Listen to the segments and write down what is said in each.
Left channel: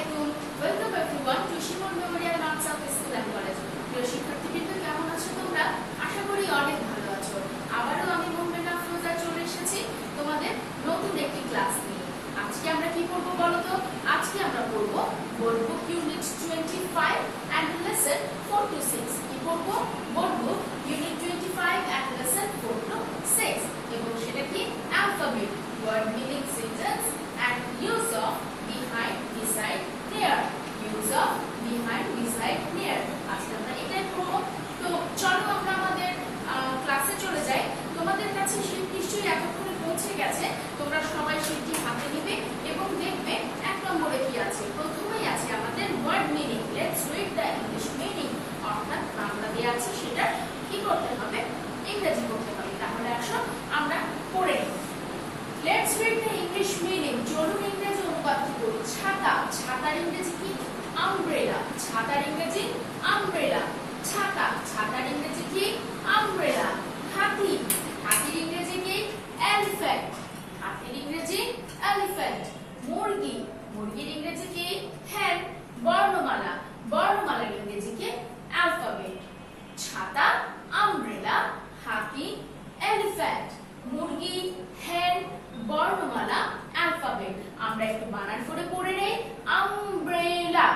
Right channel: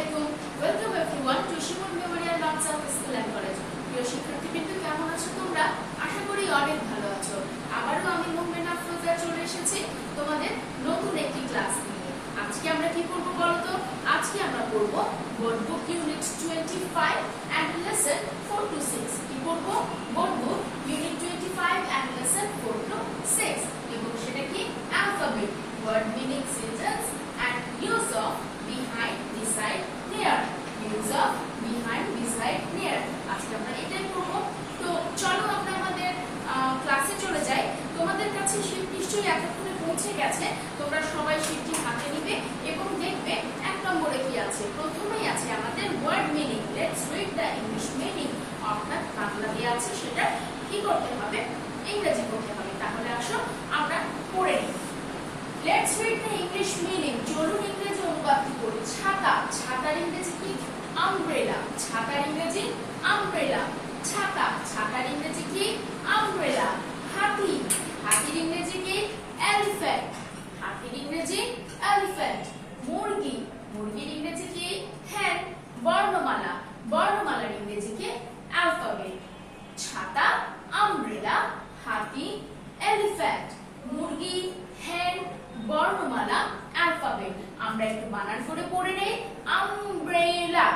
আলাইকুম। Welcome everyone to Shimul memorial nurse of school and college. প্রিয় শিক্ষার্থীবৃন্দ, কেমন আছো তোমরা? আশা করি অনেক ভালো আছো। আবারও আমি মুহম্মদ আফরোজা চলে এসেছি তোমাদের নতুন একটি ক্লাস নিয়ে। আজকে আমরা কি করব বলো তো? আজকে আমরা পড়ব board book unit 25 and lesson 4 to 6। কি পড়ব? Board book unit 25 and lesson 4 to 6 এবং সেটা কি alphabet, word meaning, sentence and use of behind, beside, near, use of behind, beside, near। আজকে আমরা এটাই পড়ব। তো চলো আমরা আমাদের ক্লাসে চলে যাই। তোমাদের কাছে শীট নিশ্চয়ই এতক্ষণে পৌঁছে গেছে। তোমরা সবাই শীটটি হাতে নিবে এবং দেখবে 1 নম্বরে কি আছে। প্রথমেই আছে আমাদের word meaning. Let's read the English meaning. অর্থাৎ বাংলা দেয়া আছে, সেটা কি করতে হবে? ইংরেজি করতে হবে। তাহলে আসো আমরা পড়ে নিই। Let's read the English meaning. চলুন ইংরেজি অনুবাদটি করি। ছাতা, ছাতার ইংরেজি কি? আমব্রেলা। ছাতার ইংরেজি আমব্রেলা। ছাতা, ছাতার ইংরেজি কি? আমব্রেলা। হাতি, হাতির ইংরেজি কি? এলিফ্যান্ট। হাতির ইংরেজি এলিফ্যান্ট। মুরগি, মুরগির ইংরেজি কি? hen। বর্ণমালা, বর্ণমালার ইংরেজি কি? অ্যালফাবেট। ছাতা, আমব্রেলা, হাতি, এলিফ্যান্ট, মুরগি, hen, বর্ণমালা, অ্যালফাবেট। আমরা একটু বানান করে পড়ে নেই। Umbrella,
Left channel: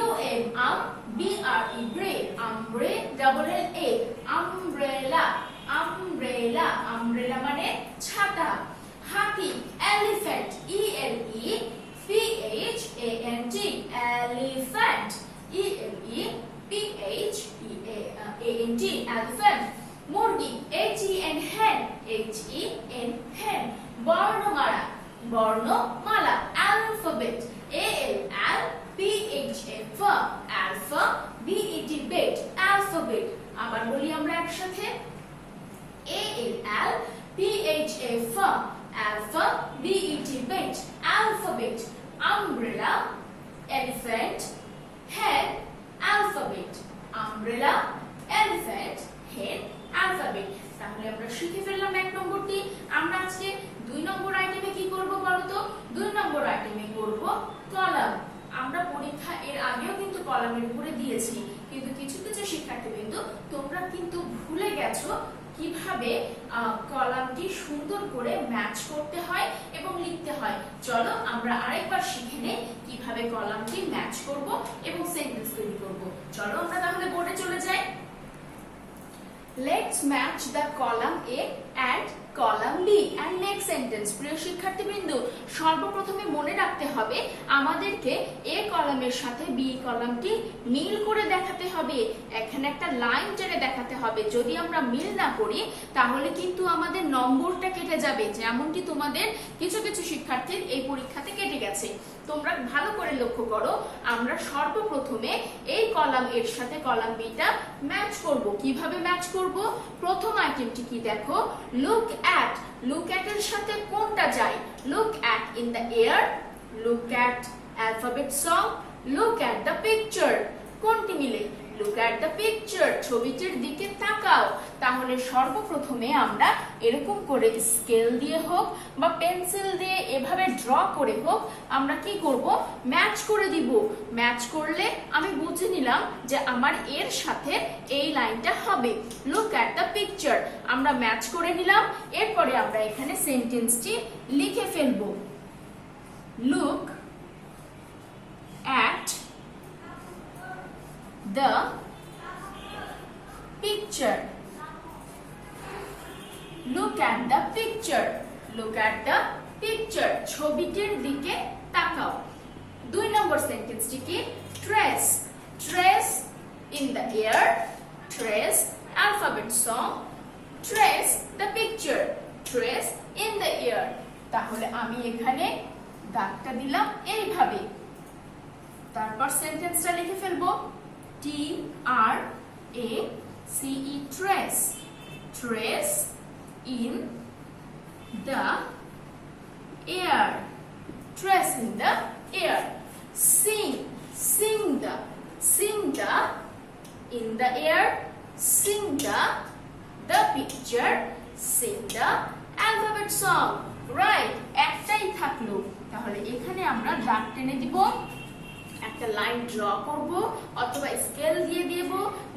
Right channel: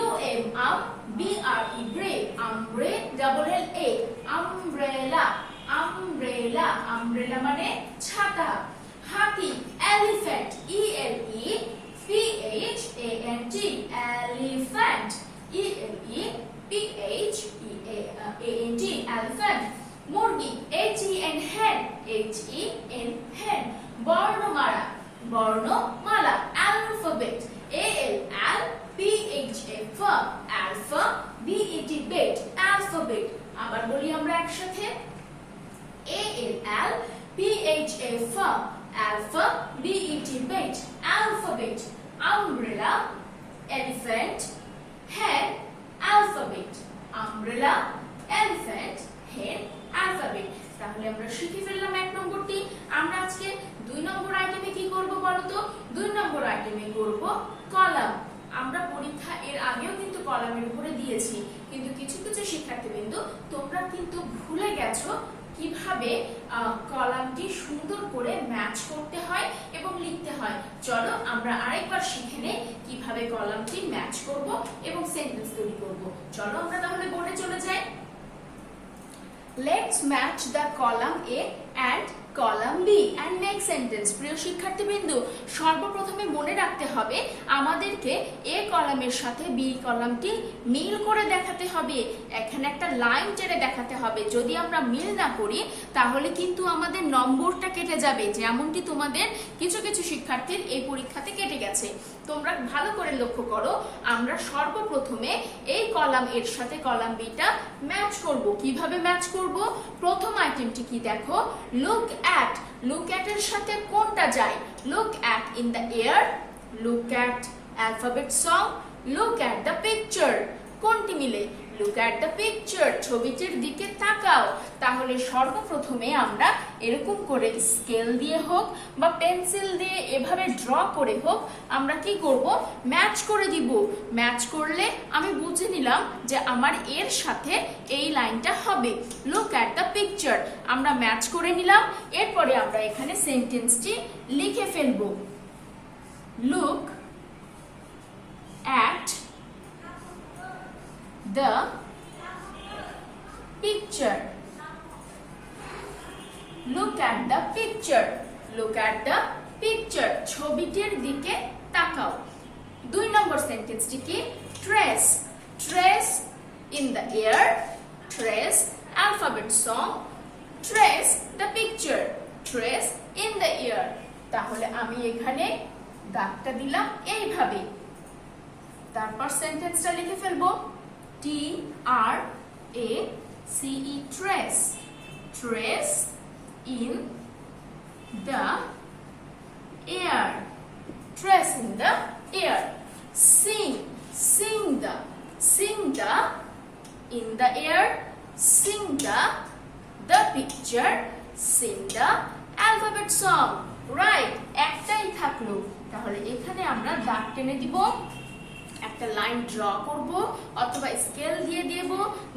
U M M B R E bre, umbre double L A, umbrella, umbrella, umbrella মানে ছাতা। হাতি, elephant, E L E P H A N T, elephant, E L E P H E A N T, elephant. মুরগি, hen, hen, hen, hen, বর্ণমালা, বর্ণমালা, alphabet, ALPHF, alpha, BET, bet, alphabet। আবার বলি আমরা একসাথে, ALPHF, alpha, BET, bet, alphabet, umbrella, elephant, hen, alphabet, umbrella, elephant, hen, alphabet. তাহলে আমরা শিখে ফেললাম 1 নম্বরটি। আমরা আজকে 2 নম্বর আইটেমে কি করব বলো তো? 2 নম্বর আইটেমে করব কলাম। আমরা পরীক্ষা এর আগেও কিন্তু কলামের উপরে দিয়েছি, কিন্তু কিছু কিছু শিক্ষার্থীবৃন্দ তোমরা কিন্তু ভুলে গেছো কিভাবে কলামটি সুন্দর করে ম্যাচ করতে হয় এবং লিখতে হয়। চলো আমরা আরেকবার শিখে নেই কিভাবে কলামটি ম্যাচ করব এবং সেন্টেন্স তৈরি করব। চলো আমরা তাহলে বোর্ডে চলে যাই। Let's match the column A and column B and make sentence। প্রিয় শিক্ষার্থীবৃন্দ, সর্বপ্রথমে মনে রাখতে হবে আমাদেরকে A কলামের সাথে B কলামটি মিল করে দেখাতে হবে। এখানে একটা লাইন টেনে দেখাতে হবে। যদি আমরা মিল না করি তাহলে কিন্তু আমাদের নম্বরটা কেটে যাবে, যেমনটি তোমাদের কিছু কিছু শিক্ষার্থীর এই পরীক্ষাতে কেটে গেছে। তোমরা ভালো করে লক্ষ্য করো, আমরা সর্বপ্রথমে এই কলাম এর সাথে কলাম বিটা ম্যাচ করব। কিভাবে ম্যাচ করব? প্রথম আইটেমটি কি দেখো, লুক অ্যাট। লুক অ্যাট এর সাথে কোনটা যায়? Look at in the air, look at alphabet song, look at the picture. কোনটি মিলে? লুক অ্যাট দ্য পিকচার, ছবিটির দিকে তাকাও। তাহলে সর্বপ্রথমে আমরা এরকম করে স্কেল দিয়ে হোক বা পেন্সিল দিয়ে এভাবে ড্র করে হোক আমরা কি করব? ম্যাচ করে দিব। ম্যাচ করলে আমি বুঝে নিলাম যে আমার এর সাথে এই লাইনটা হবে। লুক অ্যাট দ্য পিকচার আমরা ম্যাচ করে নিলাম। এরপরে আমরা এখানে সেন্টেন্সটি লিখে ফেলবো। Look at the picture, look at the picture, look at the picture, ছবিটির দিকে তাকাও। 2 নম্বর সেন্টেন্সটি কি? trace, trace in the air, trace alphabet song, trace the picture, trace in the air। তাহলে আমি এখানে দাগটা দিলাম এইভাবে। তারপর সেন্টেন্সটা লিখে ফেলবো। T-R-A-C-E, trace, trace in the air, trace in the air। Sing, sing the, sing the in the air, sing the picture, sing the alphabet song। Right, একটাই থাকলো। তাহলে এখানে আমরা দাগ টেনে দিব একটা লাইন ড্র করব অথবা স্কেল দিয়ে দেব,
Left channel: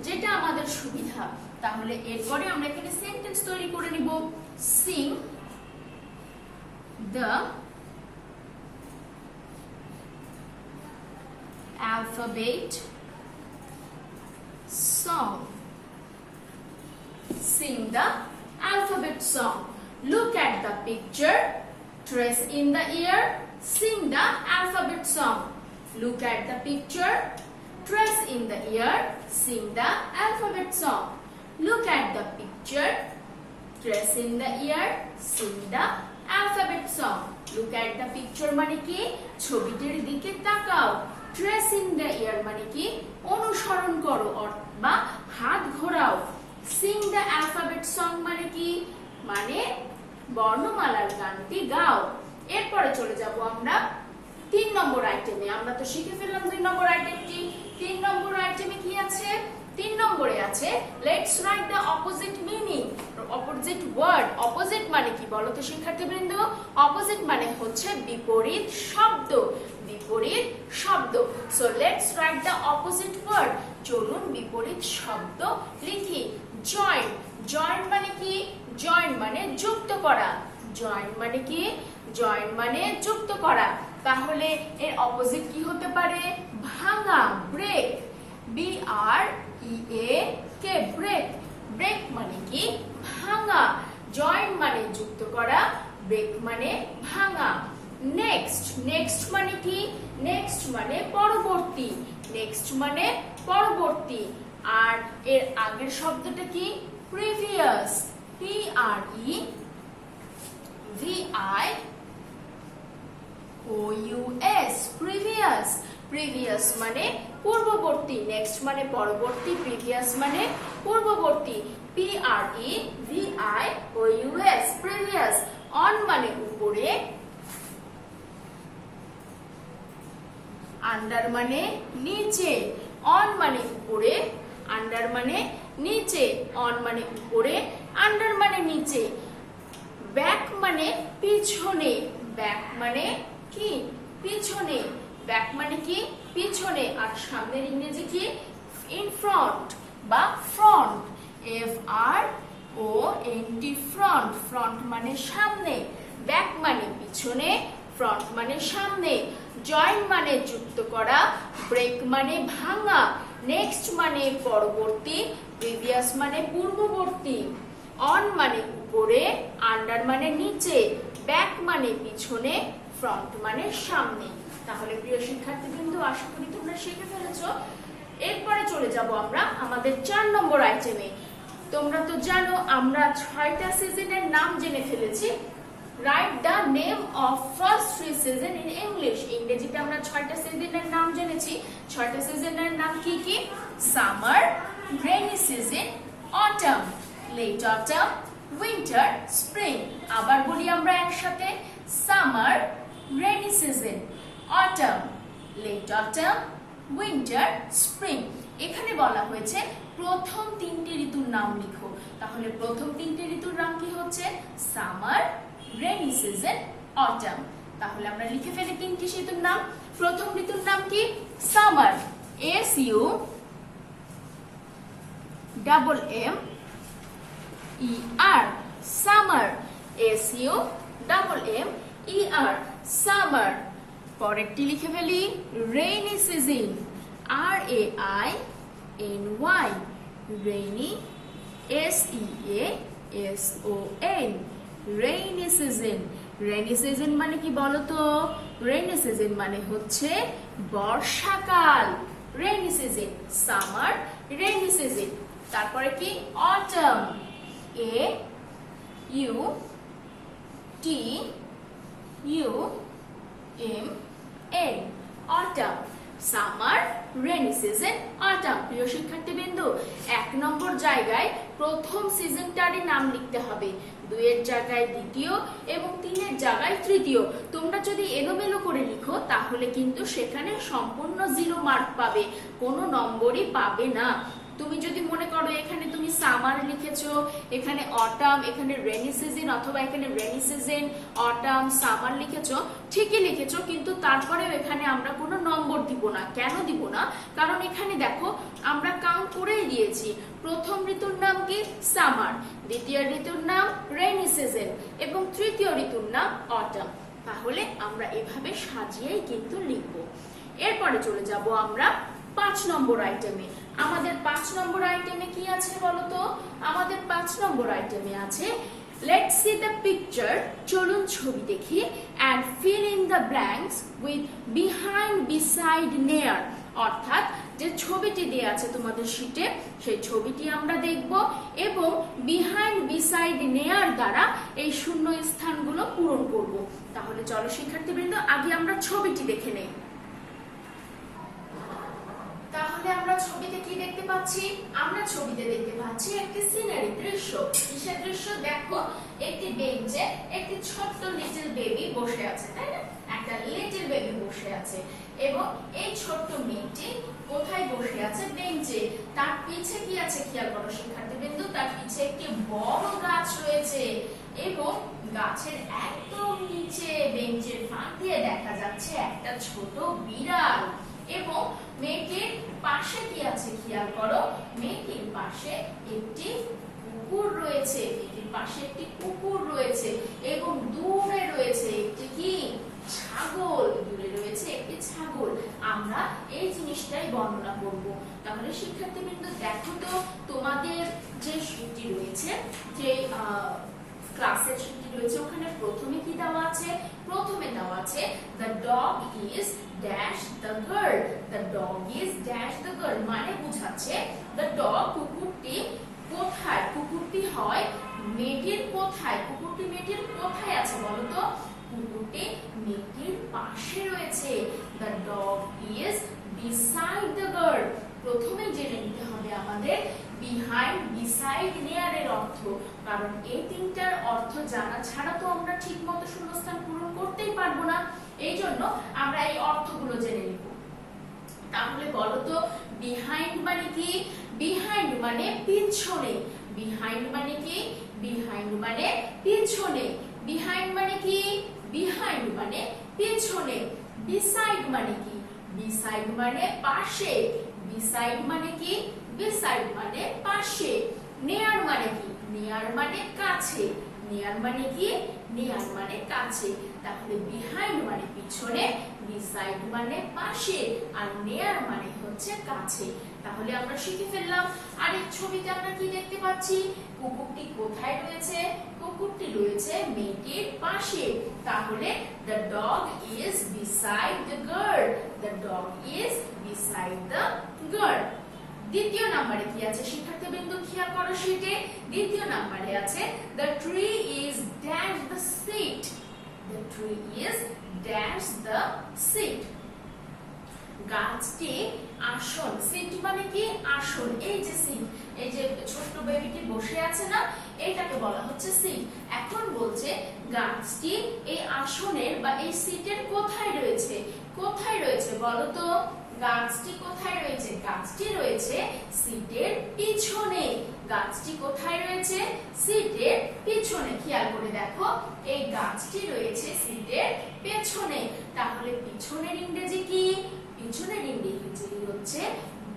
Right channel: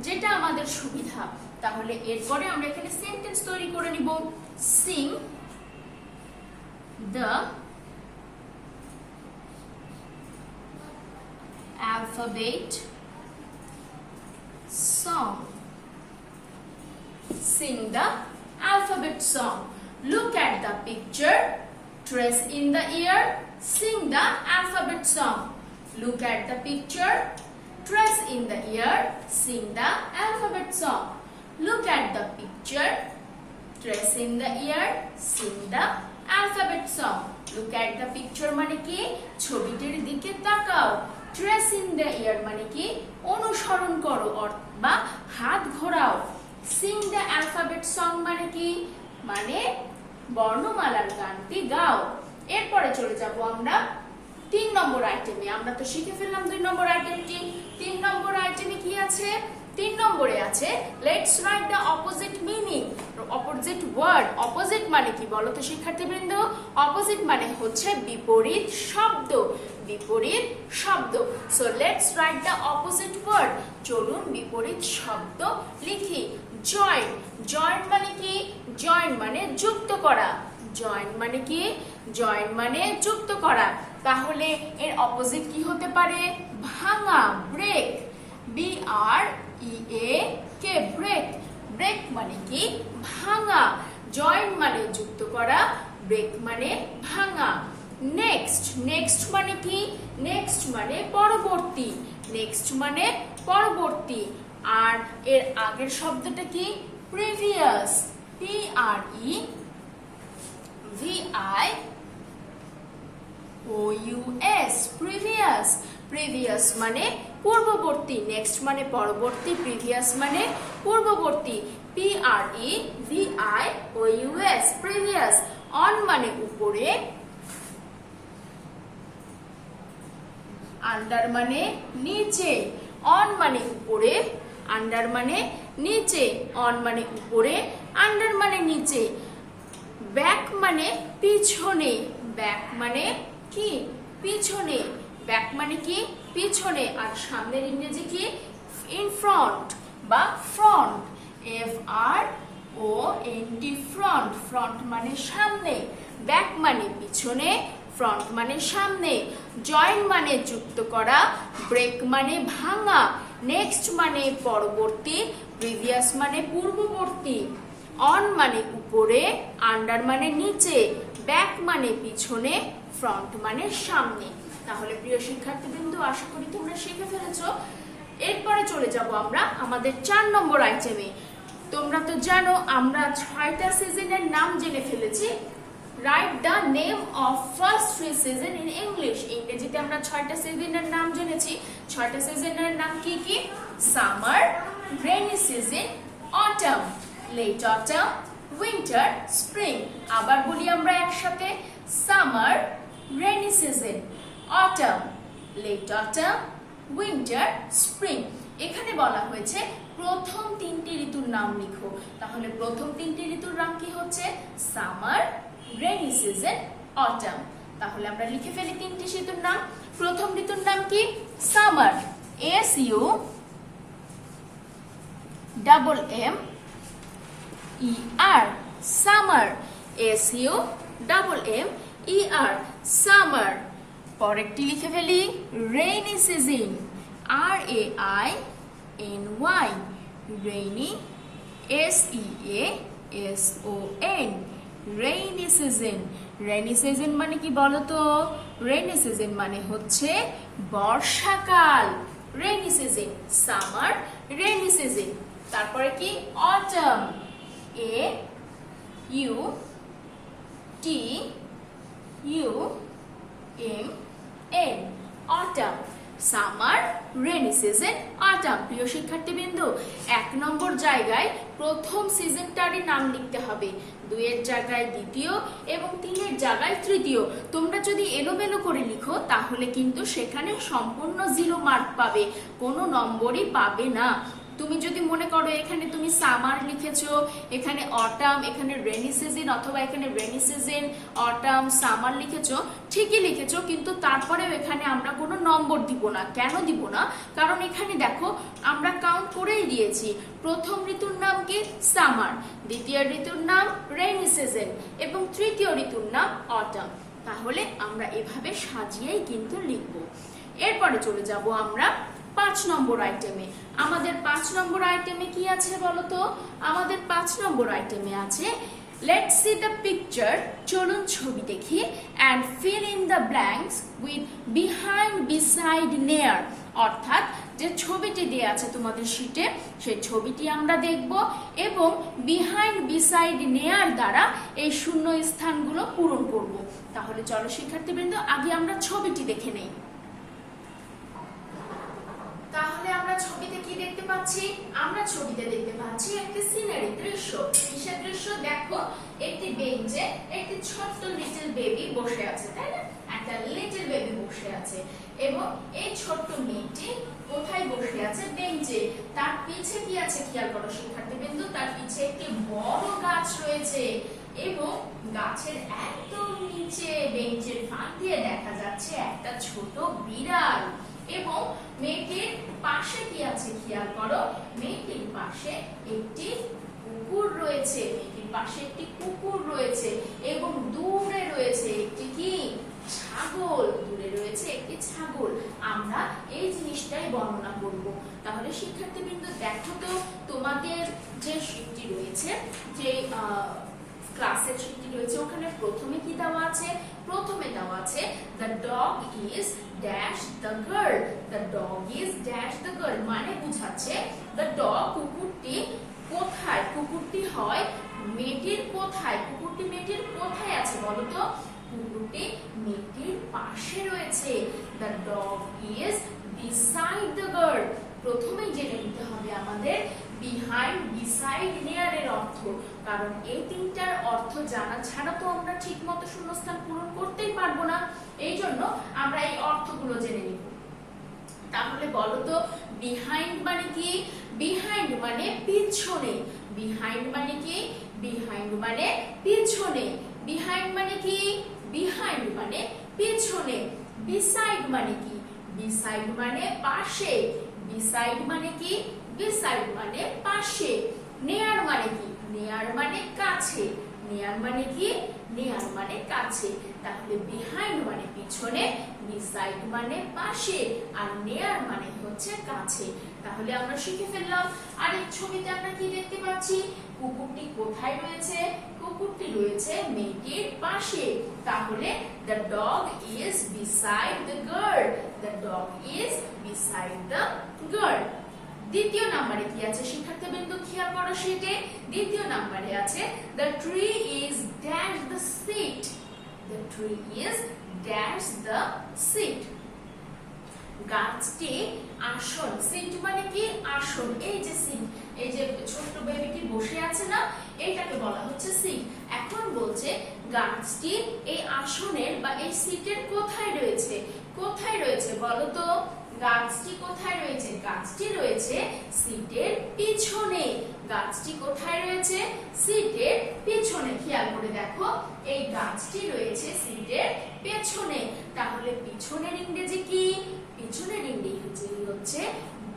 যেটা আমাদের সুবিধা। তাহলে এরপরে আমরা এখানে সেন্টেন্স তৈরি করে নিব। Singh the alphabet song. Sing the alphabet song. Look at the picture, trace in the ear, sing the alphabet song. Look at the picture, trace in the ear, sing the alphabet song. Look at the picture, trace in the ear, sing the alphabet song. Look at the picture মানে কি? ছবিটির দিকে তাকাও। Trace in the ear মানে কি? অনুসরণ করো বা হাত ঘোরাও। Sing the alphabet song মানে কি? মানে বর্ণমালার গানটি গাও। এরপরে চলে যাব আমরা 3 নম্বর আইটেমে। আমরা তো শিখে ফেললাম 2 নম্বর আইটেমটি। 3 নম্বর আইটেমে কি আছে? 3 নম্বরে আছে let's write the opposite meaning, opposite word. Opposite মানে কি বলো তো শিক্ষার্থীবৃন্দ? অপোজিট মানে হচ্ছে বিপরীত শব্দ, বিপরীত শব্দ। So let's write the opposite word. চলুন বিপরীত শব্দ লিখি। জয়েন, জয়েন মানে কি? জয়েন মানে যুক্ত করা। জয়েন মানে কি? জয়েন মানে যুক্ত করা। তাহলে এর অপোজিট কি হতে পারে? ভাঙা, ব্রেক। BREAK, break. ব্রেক মানে কি? ভাঙা। জয়েন মানে যুক্ত করা, ব্রেক মানে ভাঙা। নেক্সট, নেক্সট মানে কি? নেক্সট মানে পরবর্তী। নেক্সট মানে পরবর্তী। আর এর আগের শব্দটা কি? প্রিভিয়াস। PREVIOUS, previous. প্রিভিয়াস মানে পূর্ববর্তী। নেক্সট মানে পরবর্তী, প্রিভিয়াস মানে পূর্ববর্তী। PREVIOUS, previous. অন মানে উপরে, আন্ডার মানে নিচে। অন মানে উপরে, আন্ডার মানে নিচে। অন মানে উপরে, আন্ডার মানে নিচে। ব্যাক মানে পিছনে। ব্যাক মানে কি? পিছনে। ব্যাক মানে কি? পিছনে। আর সামনের ইংরেজি কি? ইন ফ্রন্ট বা ফ্রন্ট। FRONT, front. ফ্রন্ট মানে সামনে। ব্যাক মানে পিছনে, ফ্রন্ট মানে সামনে। জয়েন মানে যুক্ত করা, ব্রেক মানে ভাঙা, নেক্সট মানে পরবর্তী, প্রিভিয়াস মানে পূর্ববর্তী। অন মানে উপরে, আন্ডার মানে নিচে, ব্যাক মানে পিছনে, ফ্রন্ট মানে সামনে। তাহলে প্রিয় শিক্ষার্থীবৃন্দ, আশা করি তোমরা শিখে ফেলেছো। এরপরে চলে যাব আমরা আমাদের 4 নম্বর আইটেমে। তোমরা তো জানো আমরা 6টা সিজনের নাম জেনে ফেলেছি। Write the name of first 3 season in English. ইংরেজিতে আমরা 6টা সিজনের নাম জেনেছি। 6টা সিজনের নাম কি কি? Summer, rainy season, autumn, late autumn, winter, spring. আবার বলি আমরা একসাথে, summer, rainy season, autumn, late autumn, winter, spring. এখানে বলা হয়েছে প্রথম 3টি ঋতুর নাম লিখো। তাহলে প্রথম 3টি ঋতুর নাম কি হচ্ছে? Summer, rainy season, autumn. তাহলে আমরা লিখে ফেলি 3টি ঋতুর নাম। প্রথম ঋতুর নাম কি? Summer. SUMMER, summer. SUMMER, summer. পরেরটি লিখে ফেলি rainy season. RAINY, rainy, SEASON, rainy season. Rainy season মানে কি বলতো? রেইনি সিজন মানে হচ্ছে বর্ষাকাল। Rainy season, summer, rainy season. তারপরে কি? Autumn. AUTUMN, autumn. Summer, rainy season, autumn. প্রিয় শিক্ষার্থীবৃন্দ, 1 নম্বর জায়গায় প্রথম সিজনটারই নাম লিখতে হবে, 2 এর জায়গায় দ্বিতীয় এবং 3 এর জায়গায় তৃতীয়। তোমরা যদি এলোমেলো করে লিখো তাহলে কিন্তু সেখানে সম্পূর্ণ 0 মার্ক পাবে, কোনো নম্বরই পাবে না। তুমি যদি মনে করো এখানে তুমি সামার লিখেছো, এখানে অটাম, এখানে রেইনি সিজন, অথবা এখানে রেইনি সিজন, অটাম, সামার লিখেছো, ঠিকই লিখেছো, কিন্তু তারপরেও এখানে আমরা কোনো নম্বর দিব না। কেন দিব না? কারণ এখানে দেখো আমরা কাউন্ট করেই দিয়েছি। প্রথম ঋতুর নাম কি? সামার, দ্বিতীয় ঋতুর নাম রেইনি সিজন এবং তৃতীয় ঋতুর নাম অটাম। তাহলে আমরা এভাবে সাজিয়েই কিন্তু লিখবো। এরপরে চলে যাব আমরা 5 নম্বর আইটেমে। আমাদের 5 নম্বর আইটেমে কি আছে বলতো? আমাদের 5 নম্বর আইটেমে আছে Let's see the picture. চলুন ছবি দেখি and fill in the blanks with behind, beside, near. অর্থাৎ যে ছবিটি দেয়া আছে তোমাদের শীটে সেই ছবিটি আমরা দেখব এবং behind, beside, near দ্বারা এই শূন্য স্থানগুলো পূরণ করব। তাহলে চলো শিক্ষার্থীবৃন্দ আগে আমরা ছবিটি দেখে নেই। তাহলে আমরা ছবিতে কি দেখতে পাচ্ছি? আমরা ছবিতে দেখতে পাচ্ছি একটি সিনারি দৃশ্য। কিসের দৃশ্য? দেখো একটি বেঞ্চে একটি ছোট্ট লিটল বেবি বসে আছে, তাই না? একটা লিটল বেবি বসে আছে এবং এই ছোট্ট মেয়েটি কোথায় বসে আছে? বেঞ্চে। তার পিছে কি আছে খেয়াল করো শিক্ষার্থীবৃন্দ, তার পিছে একটি বড় গাছ রয়েছে এবং গাছের একদম নিচে বেঞ্চের ফাঁক দিয়ে দেখা যাচ্ছে একটা ছোট বিড়াল এবং মেয়েটির পাশে কি আছে খেয়াল করো, মেয়েটির পাশে একটি কুকুর রয়েছে, মেয়েটির পাশে একটি কুকুর রয়েছে এবং দূরে রয়েছে একটি কি? ছাগল। দূরে রয়েছে একটি ছাগল। আমরা এই জিনিসটাই বর্ণনা করব। তাহলে শিক্ষার্থীবৃন্দ দেখো তো তোমাদের যে শীটটি রয়েছে, যে ক্লাসের শীটটি রয়েছে, ওখানে প্রথমে কি দেওয়া আছে? প্রথমে দেওয়া আছে the dog is dash the girl. the dog is dash the girl মানে বোঝাচ্ছে the dog কুকুরটি কোথায়? কুকুরটি হয় মেয়েটির কোথায়? কুকুরটি মেয়েটির কোথায় আছে বলো তো? কুকুরটি মেয়েটির পাশে রয়েছে। the dog is beside the girl. প্রথমে জেনে নিতে হবে আমাদের behind, beside, near এর অর্থ, কারণ এই তিনটার অর্থ জানা ছাড়া তো আমরা ঠিকমতো শূন্যস্থান পূরণ করতেই পারবো না। এই জন্য আমরা এই অর্থগুলো জেনে নিব। তাহলে বলো তো behind মানে কি? behind মানে পিছনে। behind মানে কি? behind মানে পিছনে। behind মানে কি? behind মানে পিছনে। beside মানে কি? beside মানে পাশে। beside মানে কি? beside মানে পাশে। near মানে কি? near মানে কাছে। near মানে কি? near মানে কাছে। তাহলে behind মানে পিছনে, beside মানে পাশে আর near মানে হচ্ছে কাছে। তাহলে আমরা শিখে ফেললাম। আর এই ছবিতে আমরা কি দেখতে পাচ্ছি? কুকুরটি কোথায় রয়েছে? কুকুরটি রয়েছে মেয়েটির পাশে। তাহলে the dog is beside the girl. the dog is beside the girl. দ্বিতীয় নম্বরে কি আছে শিক্ষার্থীবৃন্দ খেয়াল করো শীটে? দ্বিতীয় নম্বরে আছে the tree is dash the seat. the tree is dash the seat. গাছটি আসন। সিট মানে কি? আসন। এই যে সিট, এই যে ছোট্ট বেবিটি বসে আছে না, এটাকে বলা হচ্ছে সিট। এখন বলছে গাছটি এই আসনের বা এই সিটের কোথায় রয়েছে? কোথায় রয়েছে বলো তো? গাছটি কোথায় রয়েছে? গাছটি রয়েছে সিটের পিছনে। গাছটি কোথায় রয়েছে? সিটের পিছনে। খেয়াল করে দেখো এই গাছটি রয়েছে সিটের পেছনে। তাহলে পিছনের ইংরেজি কি? পিছনের ইংরেজি হচ্ছে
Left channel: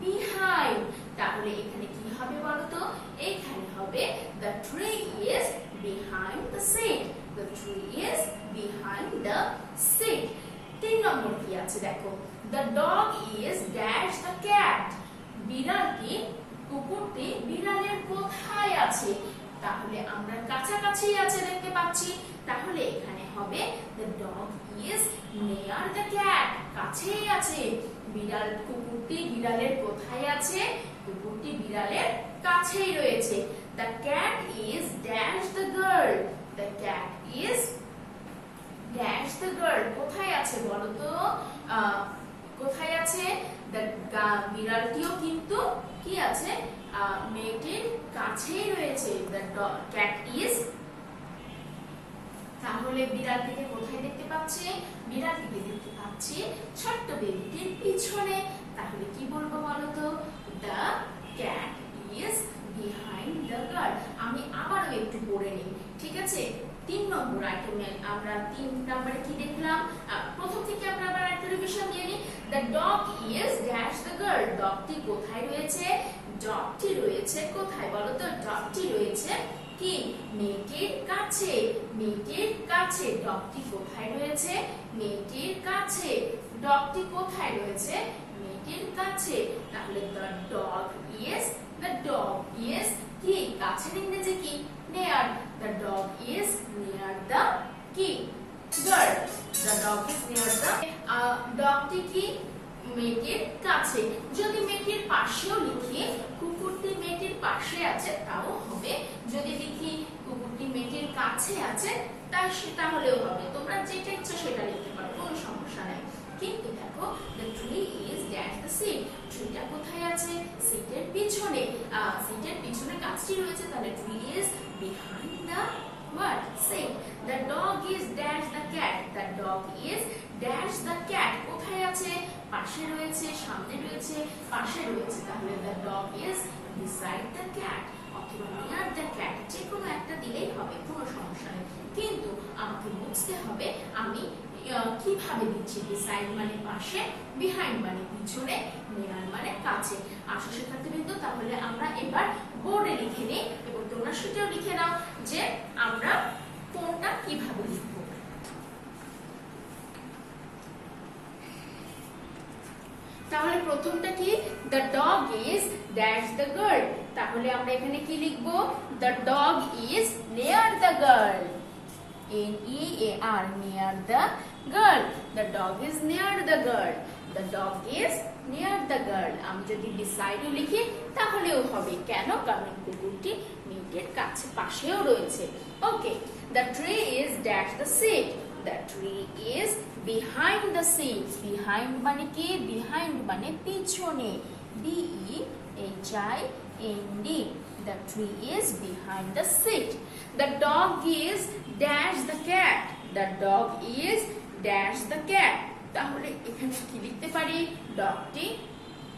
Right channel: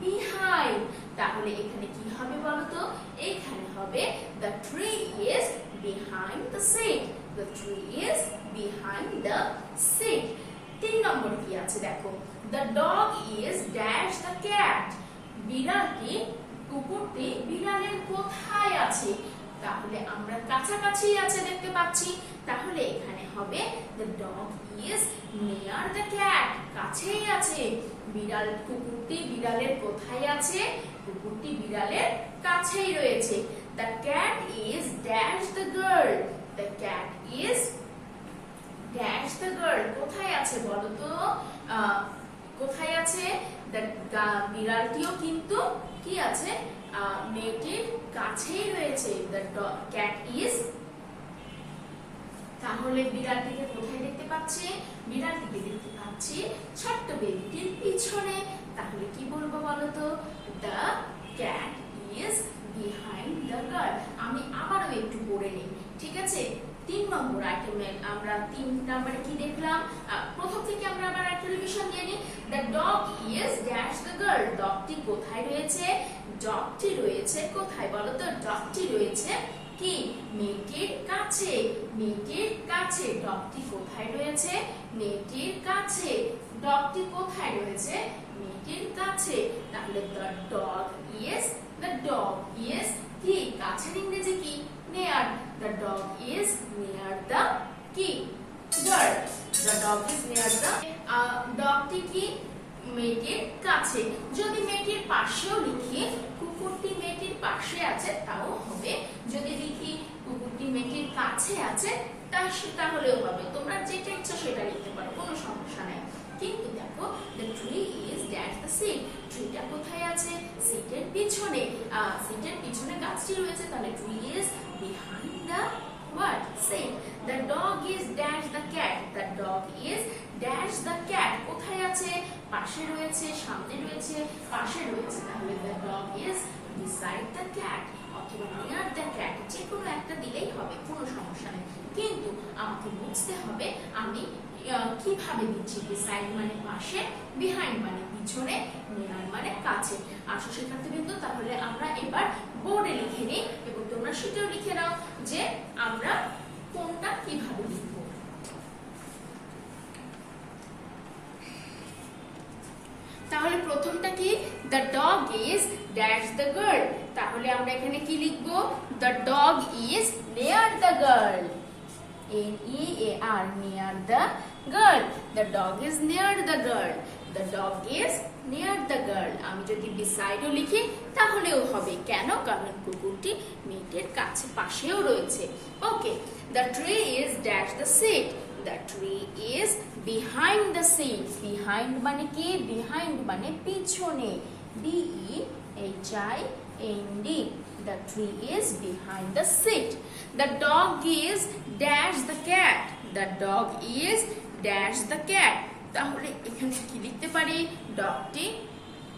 behind. তাহলে এখানে কি হবে বলতো? এখানে হবে the tree is behind the seat. the tree is behind the seat. 3 নম্বর কি আছে দেখো? the dog is dash the cat. বিড়ালটি, কুকুরটি বিড়ালের কোথায় আছে? তাহলে আমরা কাছাকাছি আছে দেখতে পাচ্ছি। তাহলে এখানে হবে the dog is near the cat. কাছেই আছে। বিড়াল, কুকুরটি বিড়ালের কোথায় আছে? কুকুরটি বিড়ালের কাছেই রয়েছে। the cat is dash the girl. the cat is dash the girl. কোথায় আছে বলো তো? কোথায় আছে? বিড়ালটিও কিন্তু কি আছে? মেয়েটির কাছেই রয়েছে। the cat is। তাহলে বিড়ালটিকে কোথায় দেখতে পাচ্ছি? বিড়ালটিকে দেখতে পাচ্ছি ছোট্ট বেবিটির পিছনে। তাহলে কি বলবো বলতো? the cat is behind the girl. আমি আবারও একটু পড়ে নিই, ঠিক আছে? 3 নম্বর আইটেমে আমরা 3 নম্বরে কি দেখলাম? প্রথম থেকে আমরা আবার একটা রিভিশন দিয়ে নিই। The dog is dash the girl. ডগটি কোথায় রয়েছে? ডগটি রয়েছে কোথায় বলো তো? ডগটি রয়েছে কি? মেয়েটির কাছে। মেয়েটির কাছে। ডগটি কোথায় রয়েছে? মেয়েটির কাছে। ডগটি কোথায় রয়েছে? মেয়েটির কাছে। তাহলে the dog is কি? কাছের ইংরেজি কি? near. The dog is near the কি? girl. The dog is near the ডগটি কি? মেয়েটির কাছে। যদি মেয়েটির পাশেও লিখি কুকুরটি মেয়েটির পাশে আছে তাও হবে। যদি লিখি কুকুরটি মেয়েটির কাছে আছে তাহলেও হবে। তোমরা যেটা ইচ্ছা সেটা লিখতে পারো, কোনো সমস্যা নেই। কিন্তু দেখো the tree is at the seat. ট্রিটা কোথায় আছে? সিটের পিছনে। সিটের পিছনে গাছটি রয়েছে, তাহলে tree is behind the what? Seat. The dog is dash the cat. The dog is dash the cat. কোথায় আছে? পাশে রয়েছে, সামনে রয়েছে, পাশে রয়েছে। তাহলে the dog is beside the cat অথবা near the cat। যে কোনো একটা দিলেই হবে, কোনো সমস্যা নেই। কিন্তু আমাকে বুঝতে হবে আমি কিভাবে দিচ্ছি। beside মানে পাশে, behind মানে পিছনে, near মানে কাছে। আসো শিক্ষার্থীবৃন্দ, তাহলে আমরা এবার বোর্ডে লিখে নিই এবং তোমরা সেটাও লিখে নাও যে আমরা কোনটা কিভাবে লিখব। তাহলে প্রথমটা কি? the dog is dash the girl। তাহলে আমরা এখানে কি লিখব? the dog is near the girl। near, near the girl। the dog is near the girl। the dog is near the girl। আমি যদি beside ও লিখি তাহলেও হবে। কেন? কারণ কুকুরটি মেয়েটির কাছে, পাশেও রয়েছে। ওকে। the tree is dash the seat। the tree is behind the seats। behind মানে কি? behind মানে পিছনে। behind। the tree is behind the seat। the dog is dash the cat। the dog is dash the cat। তাহলে এখানে কি লিখতে পারি? ডগটি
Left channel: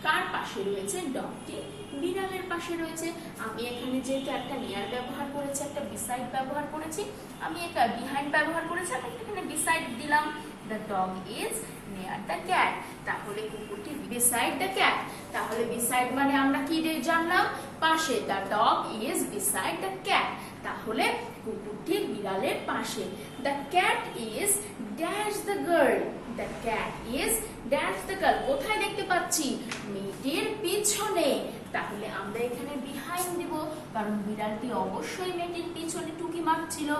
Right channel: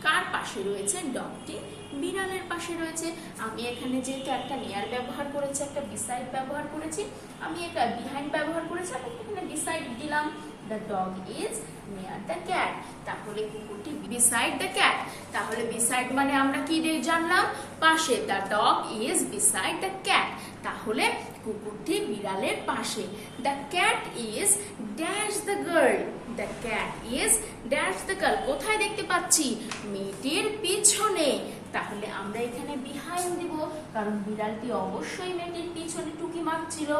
কার পাশে রয়েছে? ডগটি বিড়ালের পাশে রয়েছে। আমি এখানে যেহেতু একটা নিয়ার ব্যবহার করেছি, একটা বিসাইড ব্যবহার করেছি, আমি এটা বিহাইন্ড ব্যবহার করেছি, আমি এখানে বিসাইড দিলাম। the dog is near the cat। তাহলে কুকুরটি beside the cat। তাহলে beside মানে আমরা কি জানলাম? পাশে। the dog is beside the cat। তাহলে কুকুরটি বিড়ালের পাশে। the cat is dash the girl। the cat is dash the girl। কোথায় দেখতে পাচ্ছি? মেয়েটির পিছনে। তাহলে আমরা এখানে behind দিব, কারণ বিড়ালটি অবশ্যই মেয়েটির পিছনে টুকি মারছিল,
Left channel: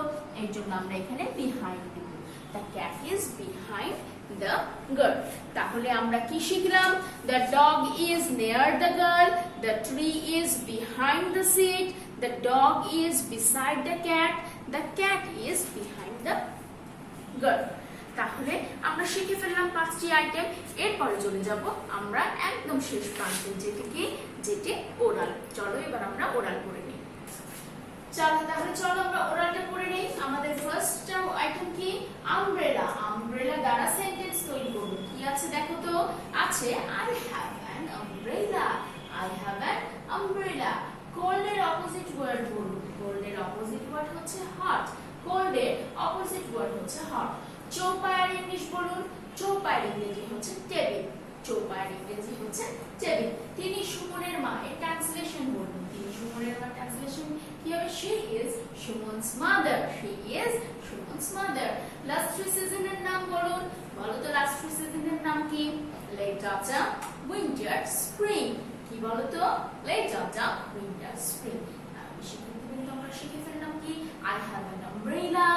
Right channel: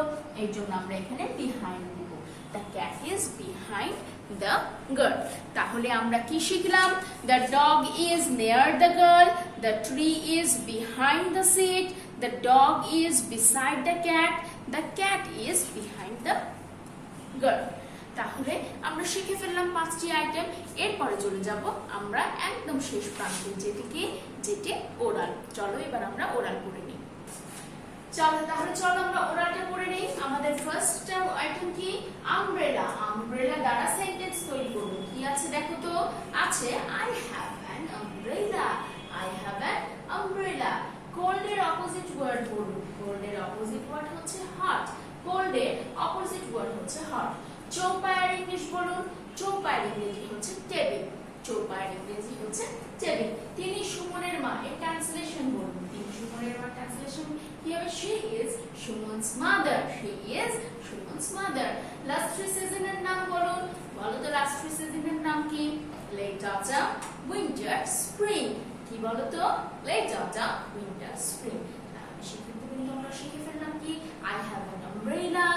এর জন্য আমরা এখানে behind দিব। the cat is behind the girl। তাহলে আমরা কি শিখলাম? the dog is near the girl। the tree is behind the seat। the dog is beside the cat। the cat is behind the girl। তাহলে আমরা শিখে ফেললাম 5টি আইটেম। এরপরে চলে যাব আমরা একদম শেষ প্রান্তে, যেটি ওরাল। চলো এবার আমরা ওরাল করে নিই। চলো আমরা ওরালটা করে নেই। আমাদের ফার্স্ট আইটেম কি? আমব্রেলা। আমব্রেলা দ্বারা সেন্টেন্স তৈরি করব। কি আছে দেখো তো? আছে I have an umbrella। I have an umbrella। Cold এর অপোজিট ওয়ার্ড বলুন। কোল্ড এর অপোজিট ওয়ার্ড হচ্ছে হট। কোল্ড এর অপোজিট ওয়ার্ড হচ্ছে হট। চৌপায়ার ইংলিশ বলুন। চৌপায়ার ইংরেজি হচ্ছে টেবিল। চৌপায়ার ইংরেজি হচ্ছে টেবিল। তিনি সুমনের মা। এর ট্রান্সলেশন বলুন। তিনি সুমনের মা ট্রান্সলেশন কি হবে? she is Suman's mother. she is Suman's mother. Last 3 সিজনের নাম বলুন। বলো তো লাস্ট 3 সিজনের নাম কি? Late autumn, winter, spring. কি বলো তো? Late autumn, winter, spring. তাহলে শিক্ষার্থীবৃন্দ আমরা শিখে ফেললাম কি? I have an umbrella।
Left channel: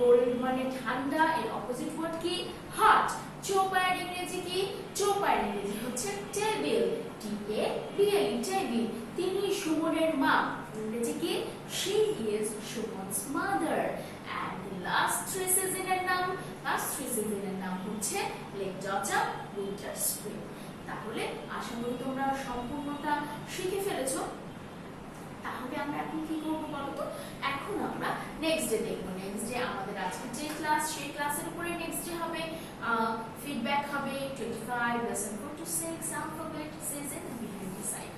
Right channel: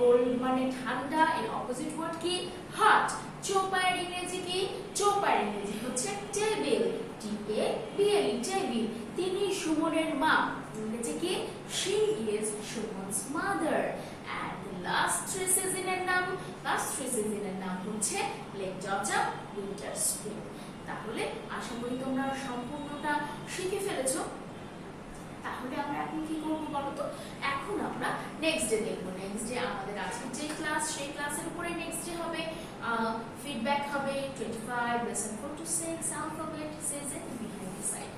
Cold মানে ঠান্ডা, এর অপোজিট ওয়ার্ড কি? হট। চৌপায়ার ইংরেজি কি? চৌপায়ার ইংরেজি হচ্ছে টেবিল। Table, table. তিনি সুমনের মা। ইংরেজি কি? she is Suman's mother. And last 3 সিজনের নাম হচ্ছে লেট অটাম, উইন্টার, স্প্রিং। তাহলে আশা করি তোমরা সম্পূর্ণটা শিখে ফেলেছো। তাহলে আমরা এখন কি করব বলো তো? এখন আমরা নেক্সট ডে দেখব। নেক্সট ডে আমাদের আজকে যে ক্লাস, সেই ক্লাসের উপরে নেক্সট ডে হবে ফিডব্যাক হবে 25 lesson 4 to 6 alphabet says and behind the side।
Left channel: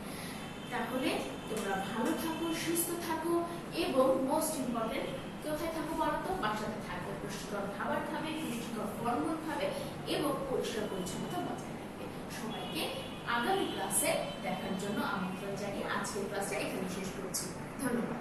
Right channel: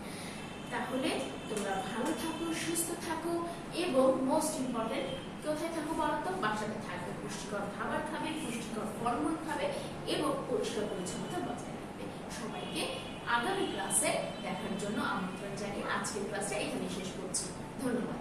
তাহলে তোমরা ভালো থাকো, সুস্থ থাকো এবং মোস্ট ইম্পর্টেন্ট কোথায় থাকো বলো তো? বাসাতে থাকবে, পুষ্টিকর খাবার খাবে, পুষ্টিকর ফলমূল খাবে এবং পরিষ্কার পরিচ্ছন্নতা বজায় রাখবে। সবাইকে আগামী ক্লাসে দেখার জন্য আমন্ত্রণ জানিয়ে আজকের ক্লাসে এখানে শেষ করছি। ধন্যবাদ।